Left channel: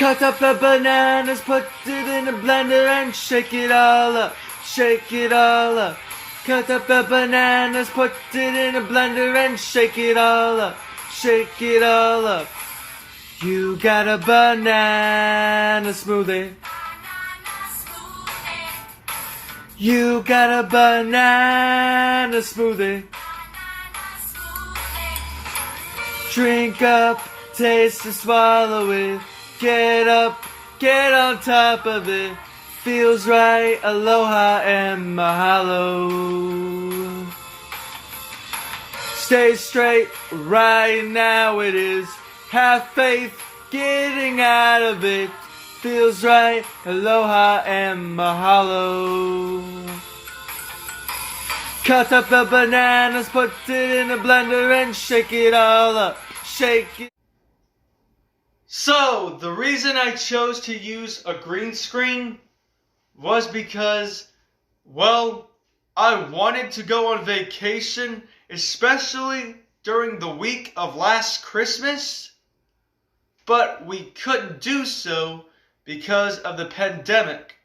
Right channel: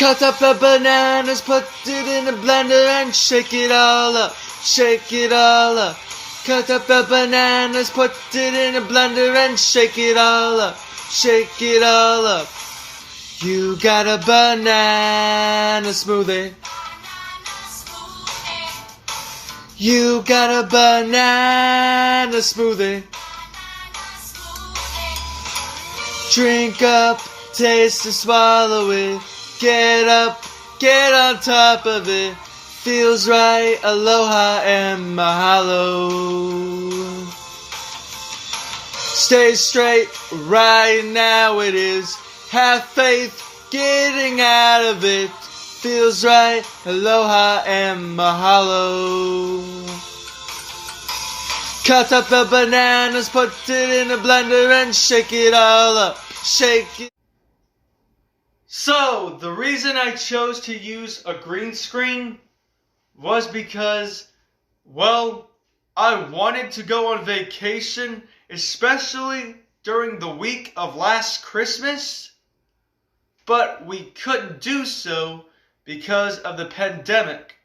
Cut up the bananas, put it in the blender and shake it all up, shake it all up. Cut up the bananas, put it in the blender and shake it all up, shake it all up. You got a banana smoothie. You got a banana smoothie. Drink up, taste and swallow it. Get up, get on top of it. Feels right, aloha and mahalo. Stay straight, right now it is. Have faith, getting out of it. Feels right, aloha and mahalo. Cut up the bananas, put it in a blender and shake it all up, shake it. So, the reason I chose to use a green screen was because, well, I wanted to go on vacation, especially during the week of last Christmas, but we couldn't do so because of the pandemic.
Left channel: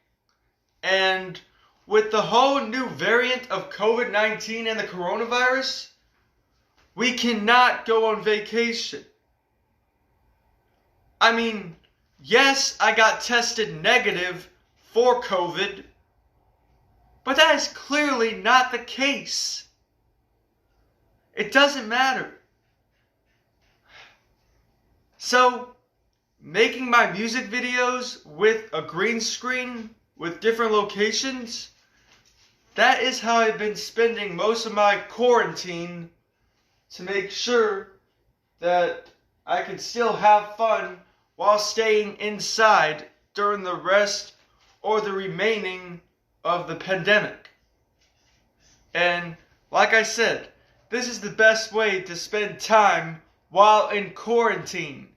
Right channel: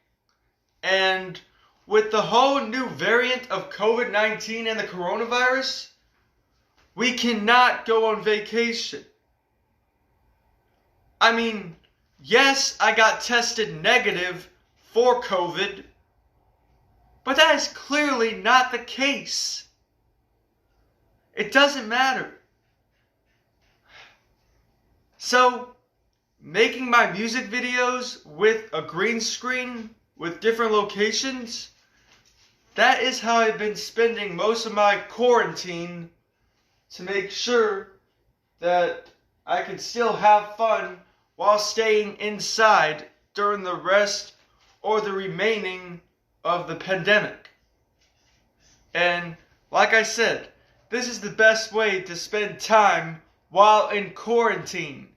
And with the whole new variant of COVID-19 and the coronavirus, we cannot go on vacation. I mean, yes, I got tested negative for COVID, but that is clearly not the case. It doesn't matter. So, making my music videos with a green screen with different locations, that is how I've been spending most of my quarantine to make sure that I can still have fun while staying inside during the rest or the remaining of the pandemic. And like I said, this is the best way to spend time while in quarantine.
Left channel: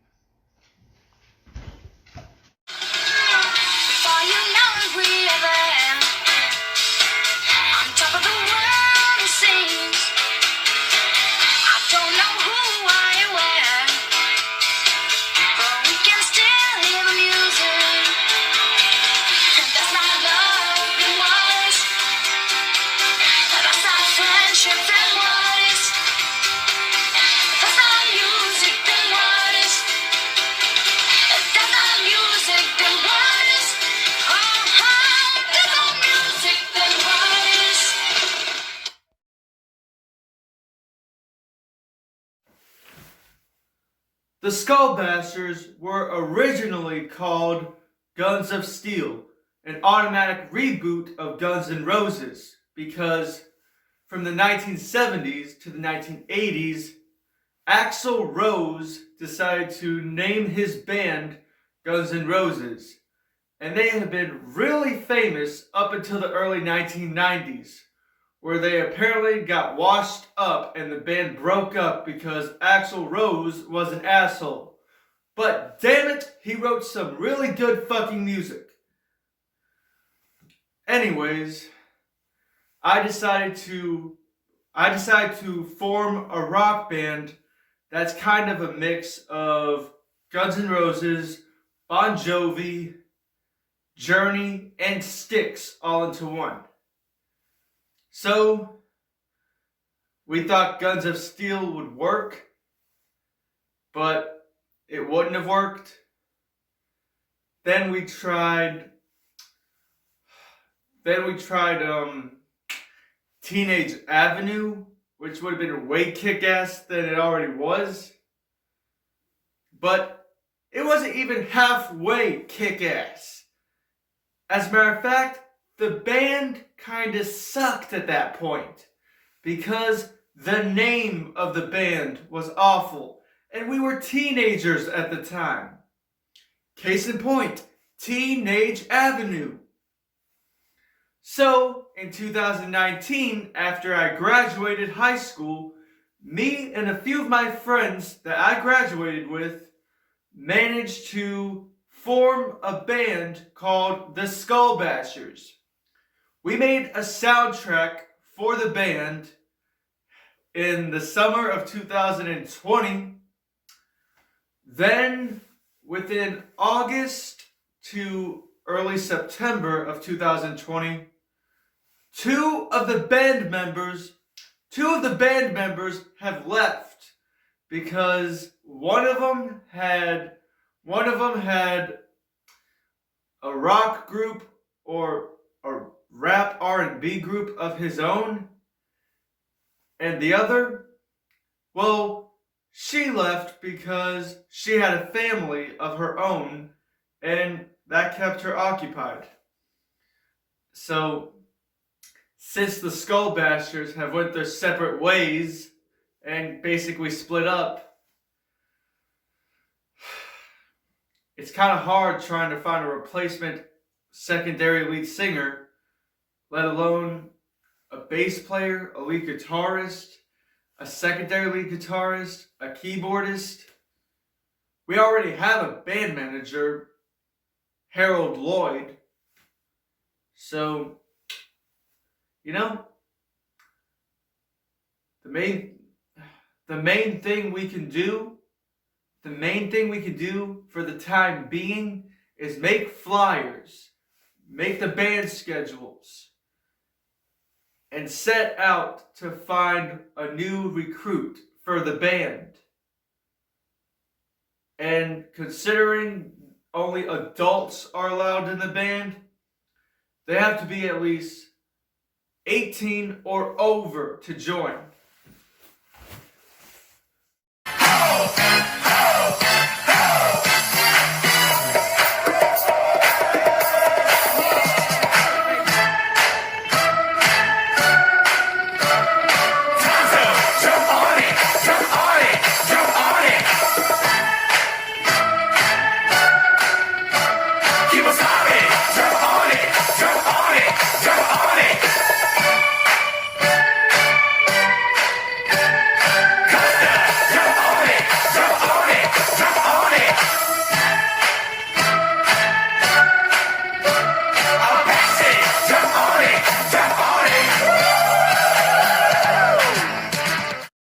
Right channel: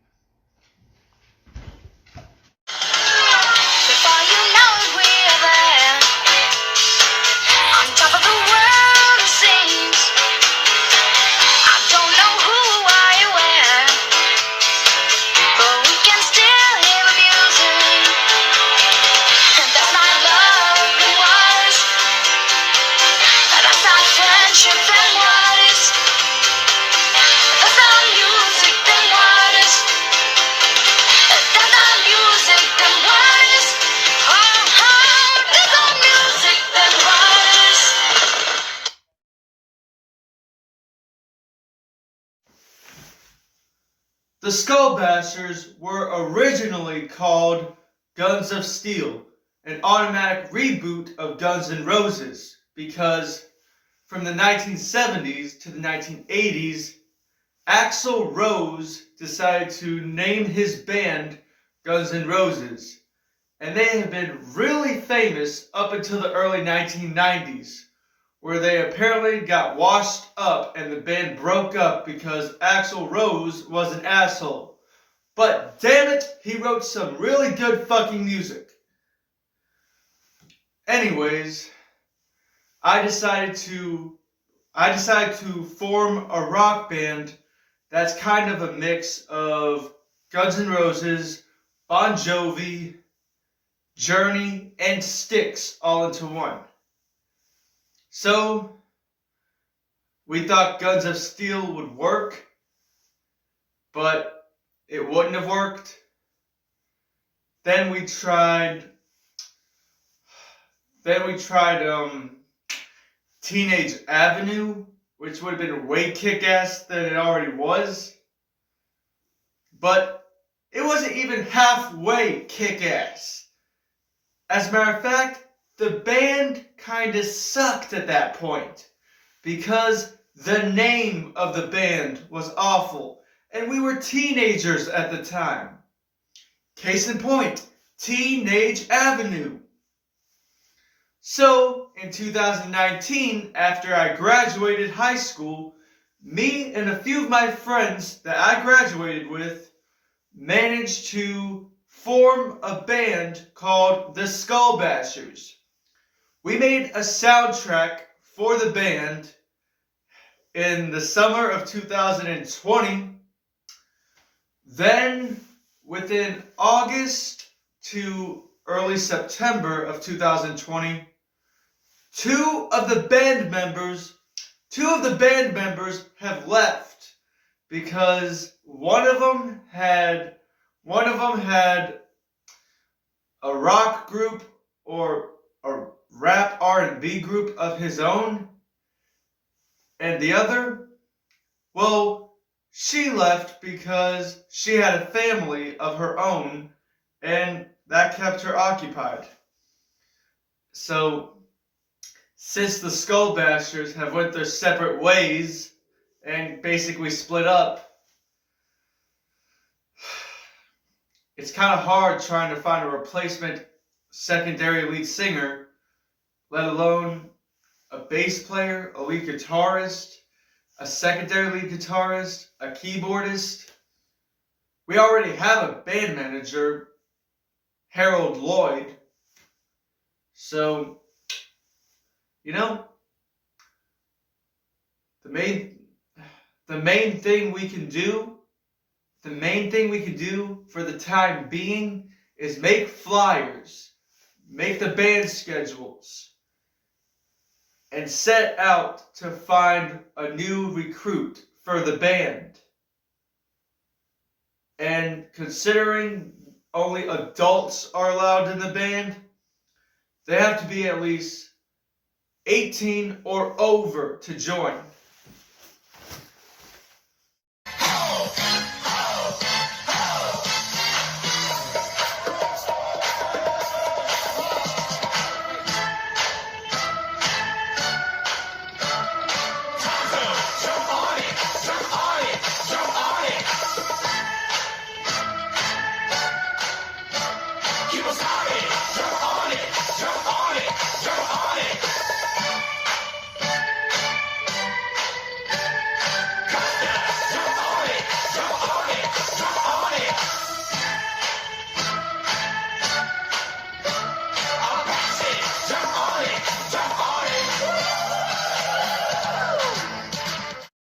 The Skull Bashers were originally called Guns of Steel, an automatic reboot of Guns N' Roses, because from the 1970s to the 1980s, Axl Rose decided to name his band Guns N' Roses, and they have been really famous up until the early 1990s, where they apparently got washed up and the band broke up because Axl Rose was an asshole. But damn it, he wrote some really good fucking music. Anyways, I decided to form a rock band that's kind of a mix of Guns N' Roses, Bon Jovi, Journey, and Styx all into one. So, we thought Guns of Steel would work, but it wouldn't have worked. Then we tried Teenage Avenue, which would have been way kick-ass than it already was. But it wasn't even halfway kick-ass. As a matter of fact, the band kinda sucked at that point because the name of the band was awful and we were teenagers at the time. Case in point, Teenage Avenue. So, in 2019, after I graduated high school, me and a few of my friends that I graduated with managed to form a band called the Skull Bashers. We made a soundtrack for the band in the summer of 2020. Then within August to early September of 2020, two of the band members have left because one of them had a rock group or a rap R&B group of his own, and the other, well, she left because she had a family of her own, and that kept her occupied. So, since the Skull Bashers have went their separate ways and basically split up, it's kind of hard trying to find a replacement secondary lead singer, let alone a bass player, a lead guitarist, a secondary lead guitarist, a keyboardist. We already have a band manager, Harold Lloyd. So, you know, the main thing we can do for the time being is make flyers, make the band schedules, and set out to find a new recruit for the band. And considering only adults are allowed in the band, they have to be at least 18 or over to join.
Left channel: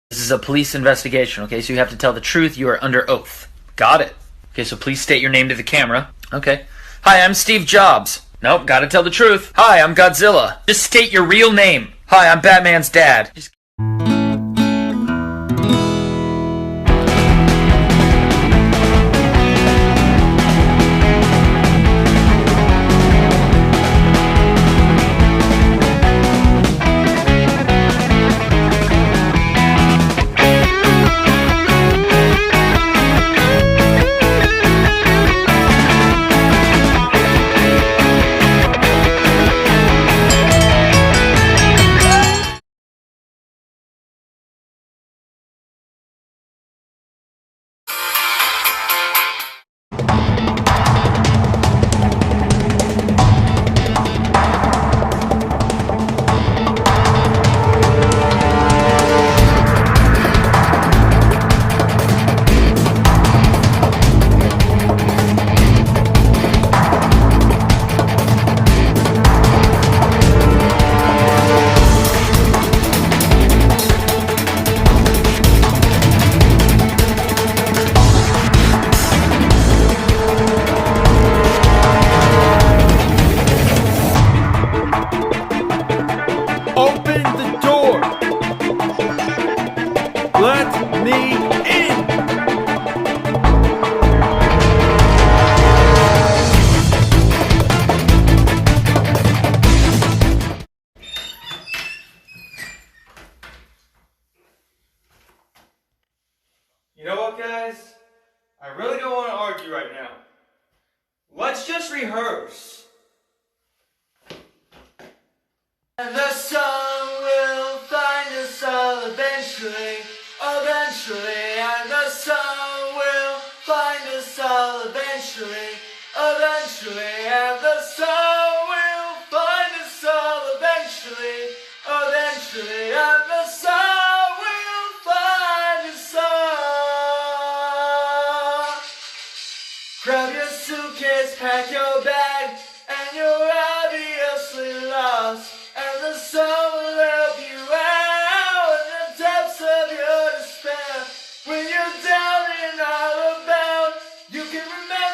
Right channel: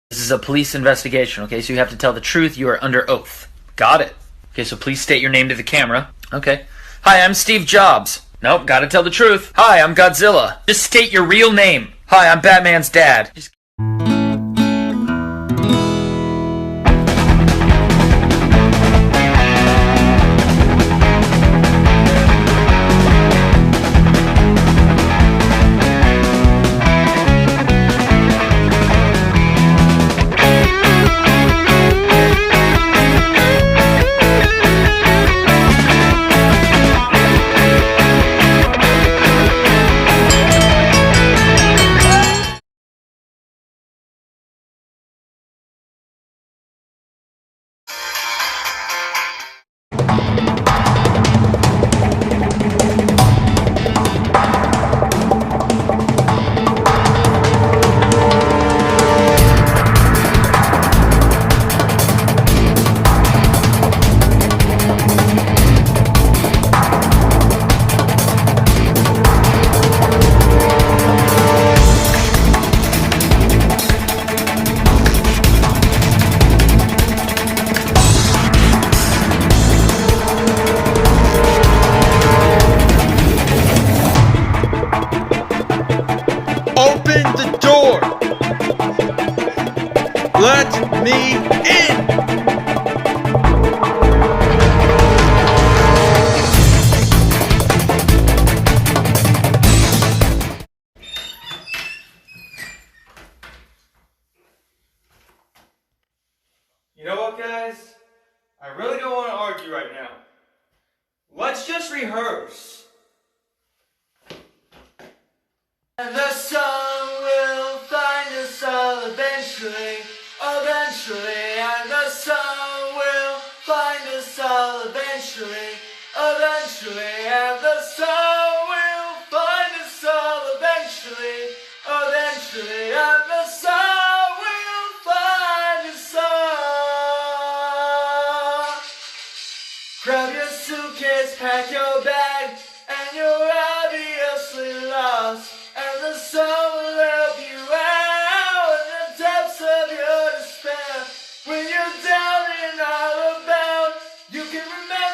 This is a police investigation, okay? So you have to tell the truth. You are under oath. Got it. Okay, so please state your name to the camera. Okay. Hi, I'm Steve Jobs. Nope, gotta tell the truth. Hi, I'm Godzilla. Just state your real name. Hi, I'm Batman's dad. Open the door! Let me in! You know what, guys? I really don't want to argue right now. Let's just rehearse. And the sun will find us all eventually, and the sun will find us all eventually, and the sun will find us all eventually, and the sun will find us all. Grab your suitcase, pack your bag, and you're obviously lost. And the sun will help you out in the depths of your despair. When you're down and all about, you can remember.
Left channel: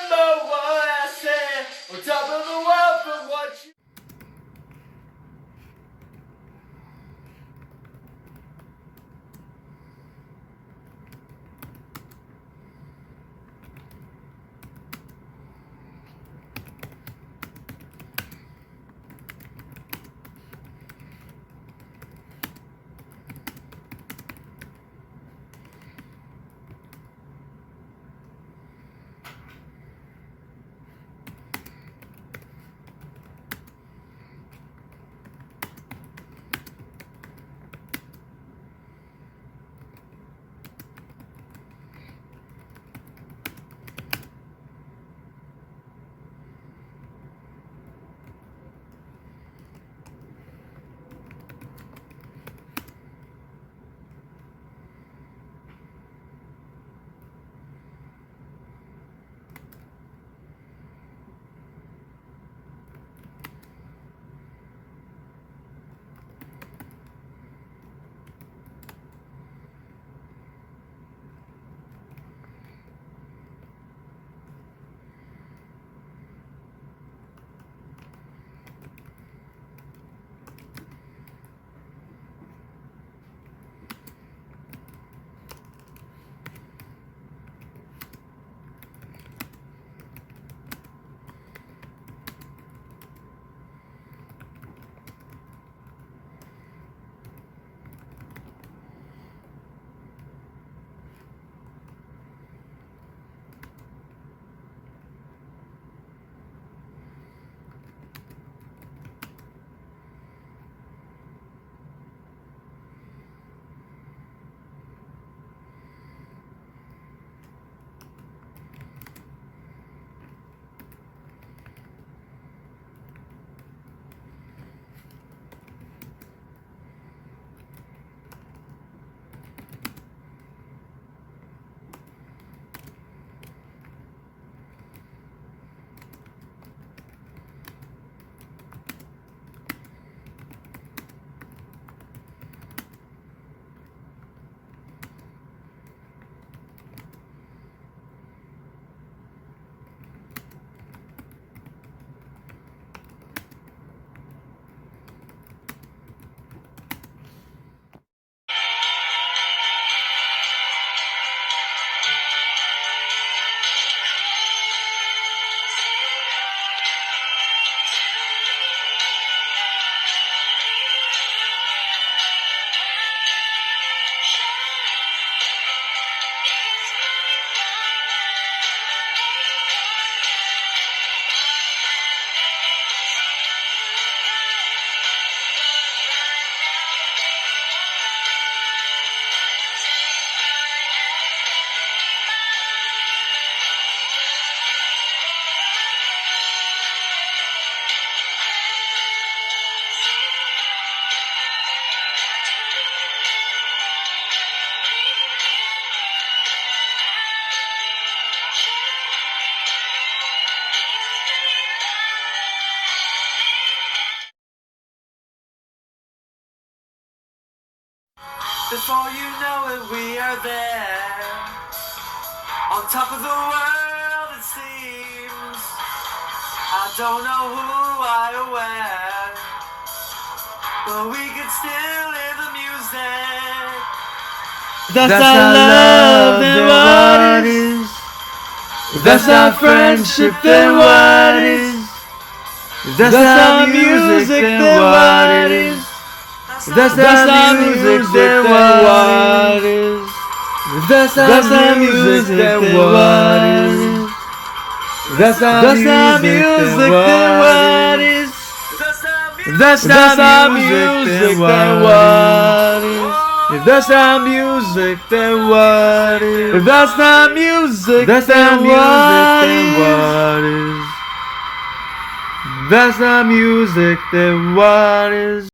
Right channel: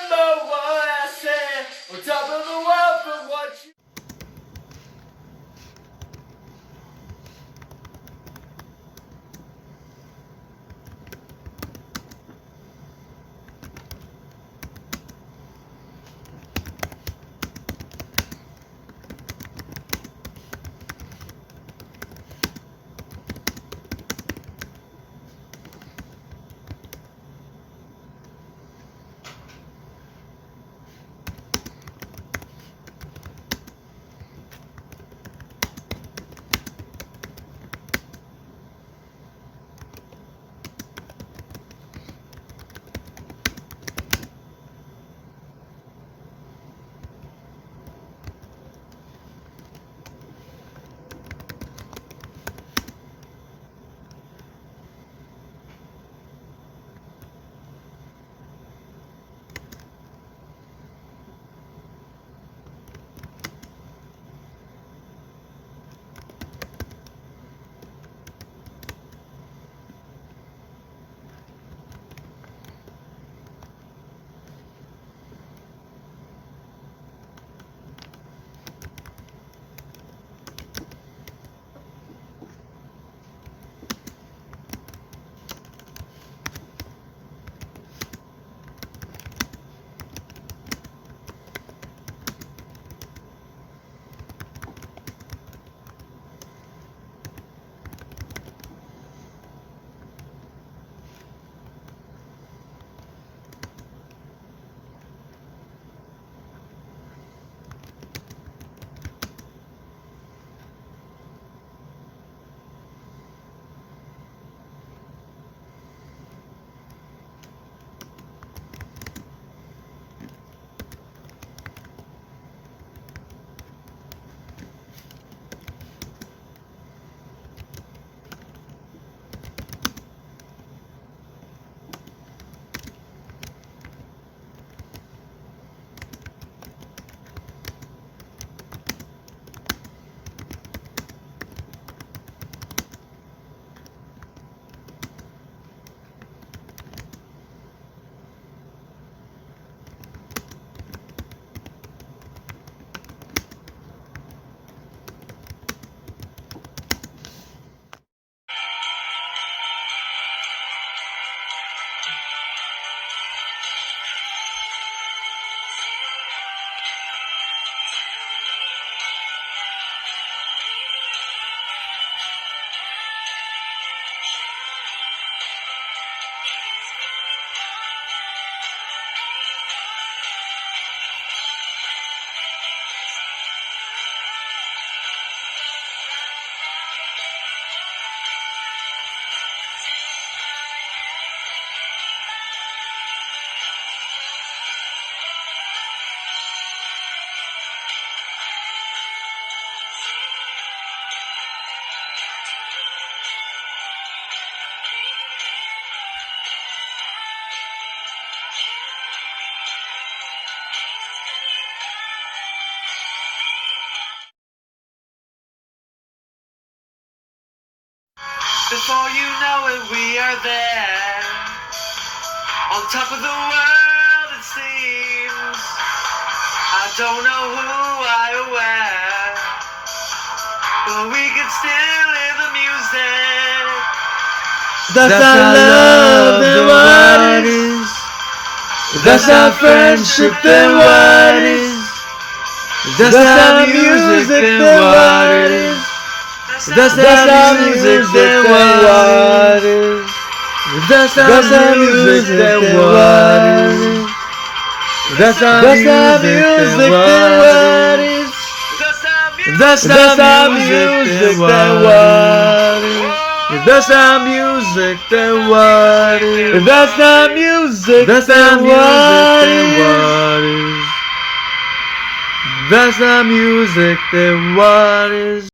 Before you know it, we are there. On top of the world, it seems. I don't know who I or where, but we can still hear the music. That's our love, then what is? That's our friendship, then what is? That's our music, then what is? That's our music, then what is? That's our music, then what is? That's our music, then what is? That's our music, then what is? If that's our music, then what is? If that's our music, then what is? That's our music, then what is?